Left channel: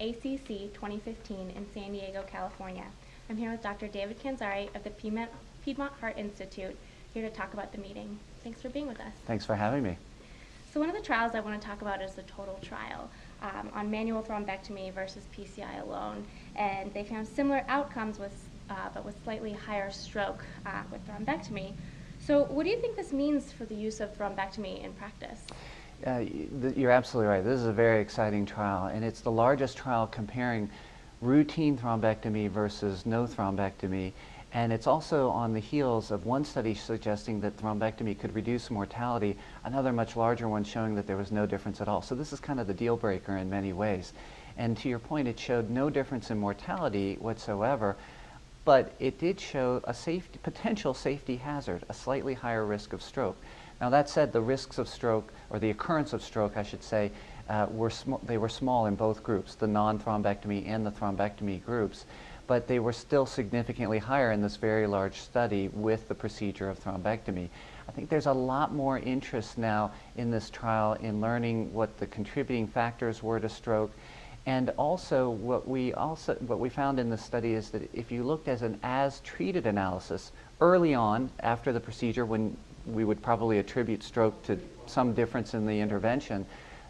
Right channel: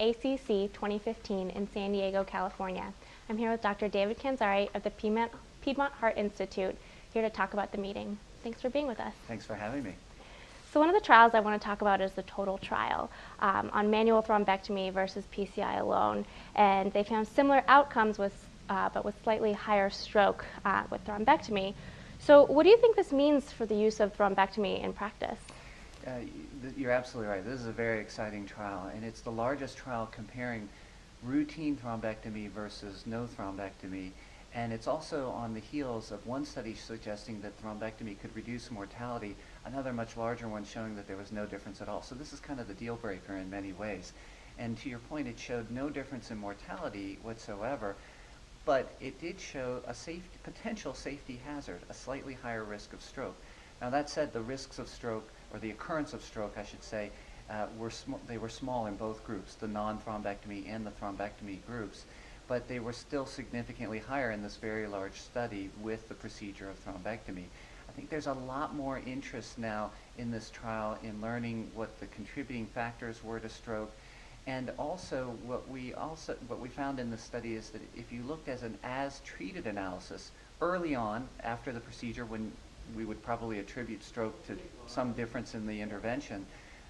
ACC 2015 in San Diego, California. I'm here with Dr. David Kandzari of the Piedmont Heart Institute, here to talk about the meeting. Thanks for being with us. Thanks for having me. So one of the trials I want to talk about is the TOTAL trial on manual thrombectomy versus PCI alone. And they found similar outcomes but with slightly higher stroke with thrombectomy. So what do you think this means for the use of thrombectomy in practice? You're absolutely right. This is a very exciting trial, and it's the largest trial comparing routine thrombectomy versus no thrombectomy. And it's also on the heels of one study suggesting that thrombectomy could reduce mortality, another much larger one showing that there was no difference at all. So this is kind of the deal breaker in many ways. And to your point, it showed no difference in mortality whatsoever, but it did show a potential safety hazard, a slightly higher risk of stroke. Now that said, the risks of stroke, or the occurrence of stroke, I should say, they were small in both groups, the non-thrombectomy and the thrombectomy groups, but they were still significantly higher in this very large study with the procedure of thrombectomy. I think there's a lot more interest now in this trial in learning what the contributing factors were to stroke. And also what we found in the study is that if you looked as an as-treated analysis early on after the procedure, when we would probably attribute stroke to some difference in the intervention,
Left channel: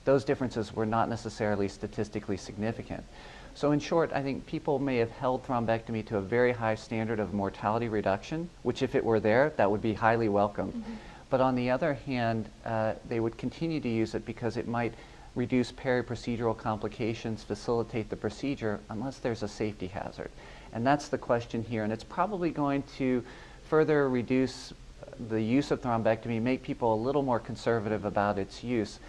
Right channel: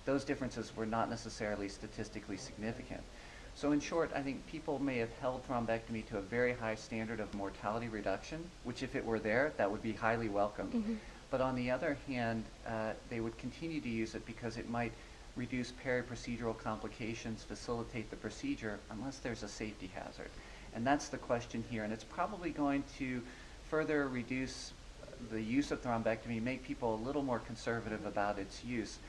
those differences were not necessarily statistically significant. So in short, I think people may have held thrombectomy to a very high standard of mortality reduction, which if it were there, that would be highly welcomed. Mm-hmm. But on the other hand, they would continue to use it because it might reduce peri-procedural complications, facilitate the procedure, unless there's a safety hazard. And that's the question here, and it's probably going to further reduce the use of thrombectomy, make people a little more conservative about its use.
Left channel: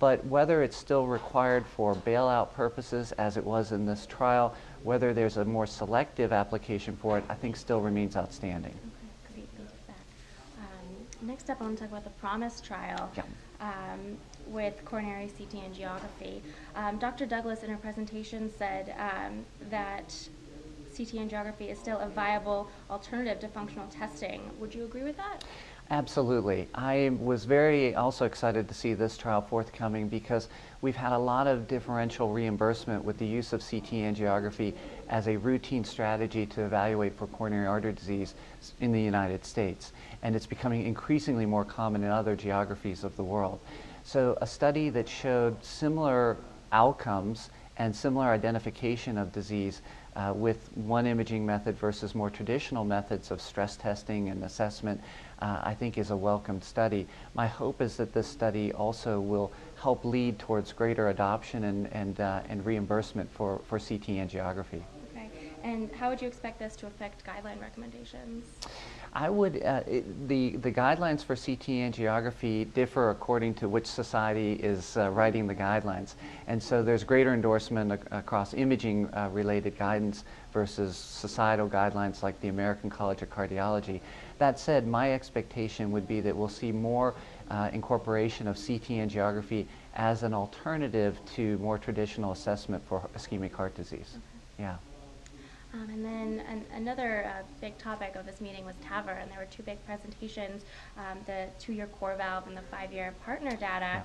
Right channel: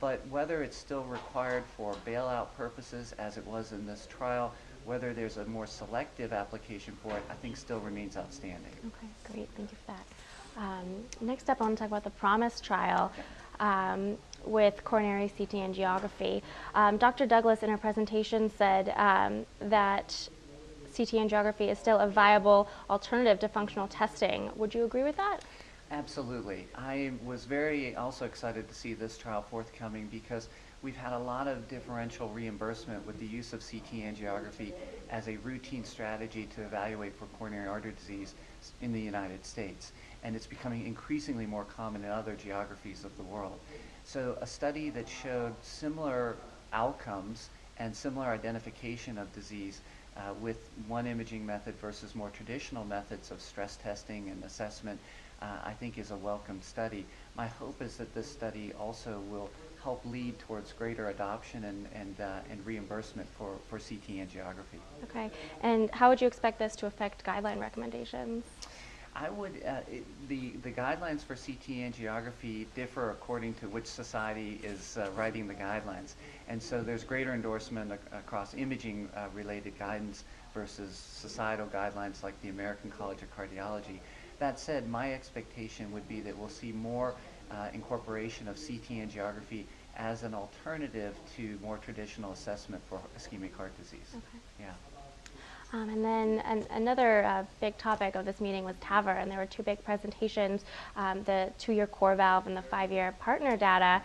But whether it's still required for bailout purposes, as it was in this trial, whether there's a more selective application for it, I think still remains outstanding. Okay, great, thank you for that. Next up, I want to talk about the PROMISE trial. Yeah. With coronary CT angiography. Dr. Douglas in her presentation said that CT angiography is still a viable alternative to functional testing. Would you agree with that? Absolutely. I was very also excited to see this trial forthcoming because we've had a lot of differential reimbursement with the use of CT angiography as a routine strategy to evaluate for coronary artery disease in the United States. And it's becoming increasingly more common in other geographies of the world. So a study that showed similar outcomes and similar identification of disease with one imaging method versus more traditional methods of stress testing and assessment, I think is a welcome study. My hope is that this study also will help lead towards greater adoption and reimbursement for CT angiography. Okay, and how would you expect this to affect guideline recommendations? I would, the guidelines for CT angiography differ according to which society is writing the guidelines. And so there's greater endorsement across imaging related guidance versus societal guidelines like the American College of Cardiology. That said, my expectation would be that we'll see more incorporation of CT angiography as an alternative to more traditional assessment for ischemic heart disease. Okay. Yeah. And then another big topic of this meeting was TAVR, and there were two big presentations, the 2-year core valve and the 5-year partner data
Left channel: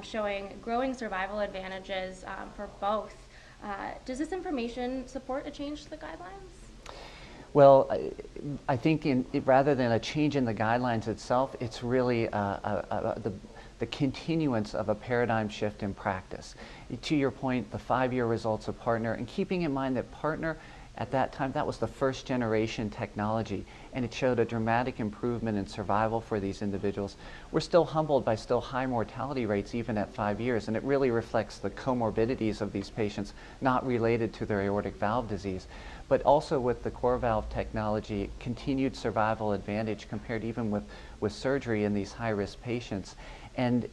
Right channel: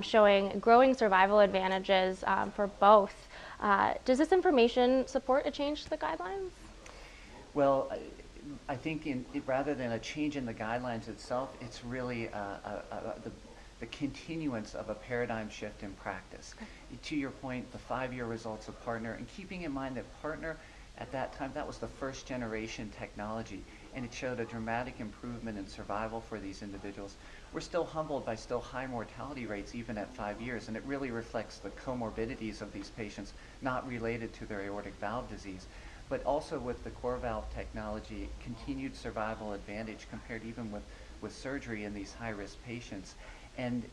showing growing survival advantages for both. Does this information support a change to the guidelines? Well, I think rather than a change in the guidelines itself, it's really the continuance of a paradigm shift in practice. To your point, the 5-year results of partner, and keeping in mind that partner, at that time, that was the first generation technology, and it showed a dramatic improvement in survival for these individuals. We're still humbled by still high mortality rates even at 5 years, and it really reflects the comorbidities of these patients not related to their aortic valve disease. But also with the core valve technology, continued survival advantage compared even with surgery in these high-risk patients. And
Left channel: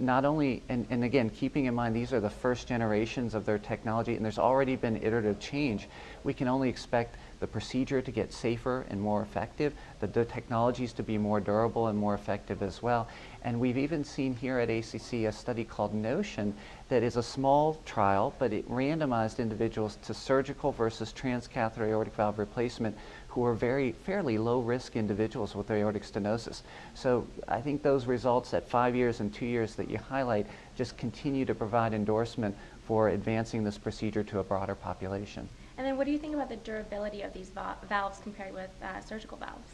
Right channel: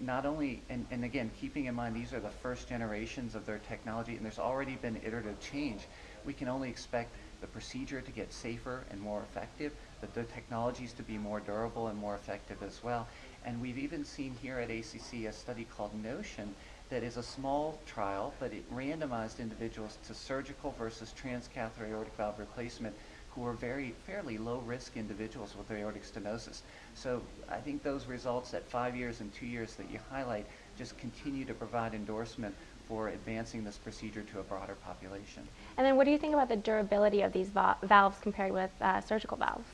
not only, and again, keeping in mind these are the first generations of their technology, and there's already been iterative change, we can only expect the procedure to get safer and more effective, the technologies to be more durable and more effective as well. And we've even seen here at ACC a study called NOTION that is a small trial, but it randomized individuals to surgical versus transcatheter aortic valve replacement who are fairly low-risk individuals with aortic stenosis. So I think those results at 5 years and 2 years that you highlight just continue to provide endorsement for advancing this procedure to a broader population. And then what do you think about the durability of these valves compared with surgical valves?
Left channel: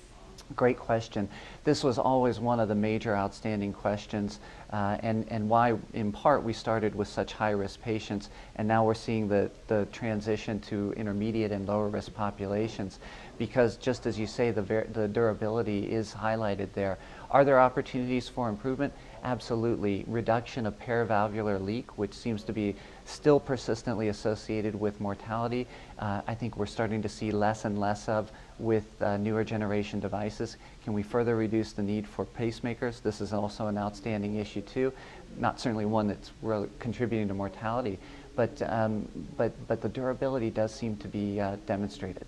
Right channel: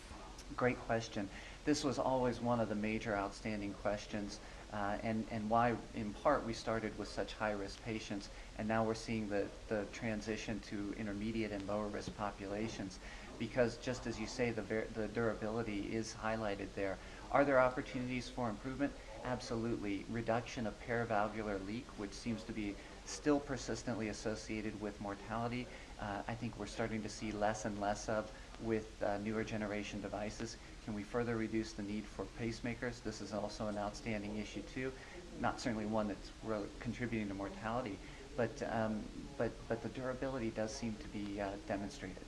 Great question. This was always one of the major outstanding questions, and why, in part, we started with such high-risk patients, and now we're seeing the transition to intermediate and lower-risk populations, because just as you say, the durability is highlighted there. Are there opportunities for improvement? Absolutely. Reduction of paravalvular leak, which seems to be still persistently associated with mortality, I think we're starting to see less and less of with newer generation devices. Can we further reduce the need for pacemakers? This is also an outstanding issue too. Not certainly one that's really contributing to mortality, but the durability does seem to be demonstrated.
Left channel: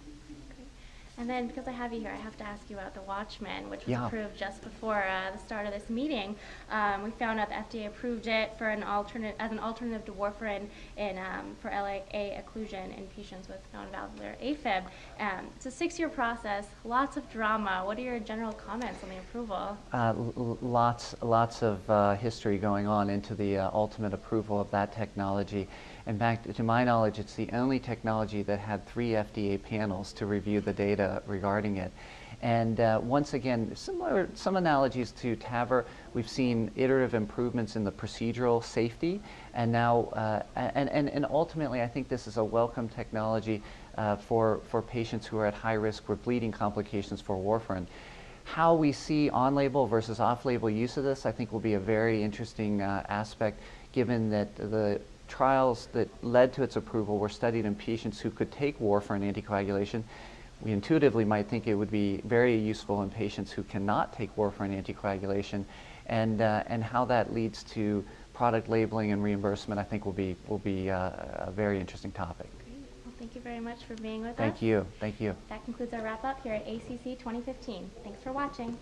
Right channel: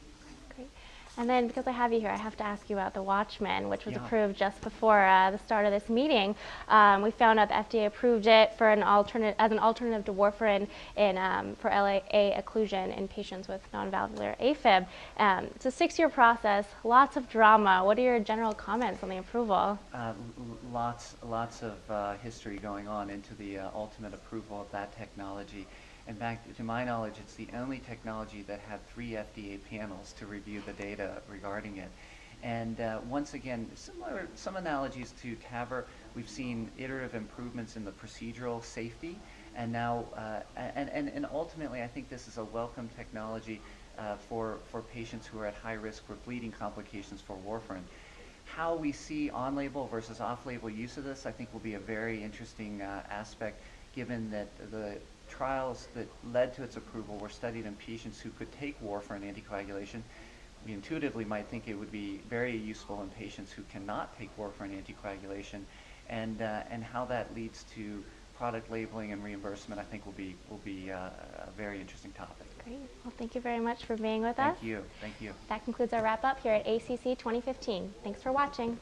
And then, because I have you here, I have to ask you about the Watchman, which was Yeah. approved just before the start of this meeting. We found out the FDA approved it for as an alternative to warfarin for LAA occlusion in patients with non-valvular AFib. It's a 6-year process, lots of drama. What are your general comments on the approval? Lots of history going on into the ultimate approval of that technology. In fact, to my knowledge, it's the only technology that had 3 FDA panels to review the data regarding it. And once again, some analogies to TAVR. We've seen iterative improvements in the procedural safety, and now, and ultimately, I think this is a welcome technology for patients who are at high risk for bleeding complications for warfarin. How we see on-label versus off-label use of this, I think, will be a very interesting aspect, given that the trials that led to its approval were studied in patients who could take warfarin anticoagulation. We intuitively might think it would be very useful in patients who cannot take warfarin anticoagulation, and how that leads to product labeling and reimbursement, I think, will be a very interesting topic. Great. Well, thank you very much for being with us. Thank you. Thank you. That concludes our wrap up here at ACC 2015. Thanks for watching.